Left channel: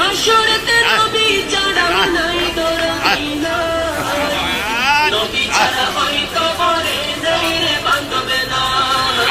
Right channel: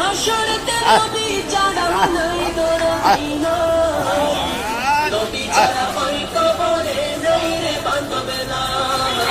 হাসরতে নবী জানা নাই তোরা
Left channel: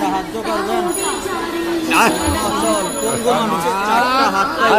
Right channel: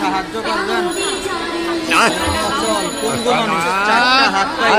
সাহায্য করবেন চারটা হাত পাই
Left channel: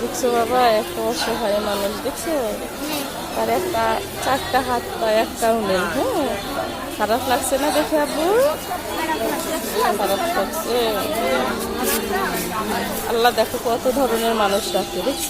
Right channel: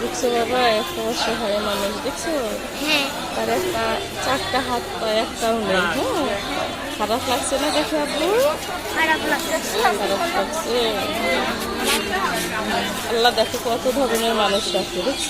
দেখছ বাবা একটা অসহায় মানুষ দেখছ? তার একটা চারটা হাত পায় একটাও নেই হ্যাঁ? খারাপ লাগছে না দেখে আব্বু? খারাপ লাগছে। খারাপ লাগছে। আল্লাহ দেখো কত ধরনের মানুষ রাখছে দেখছ?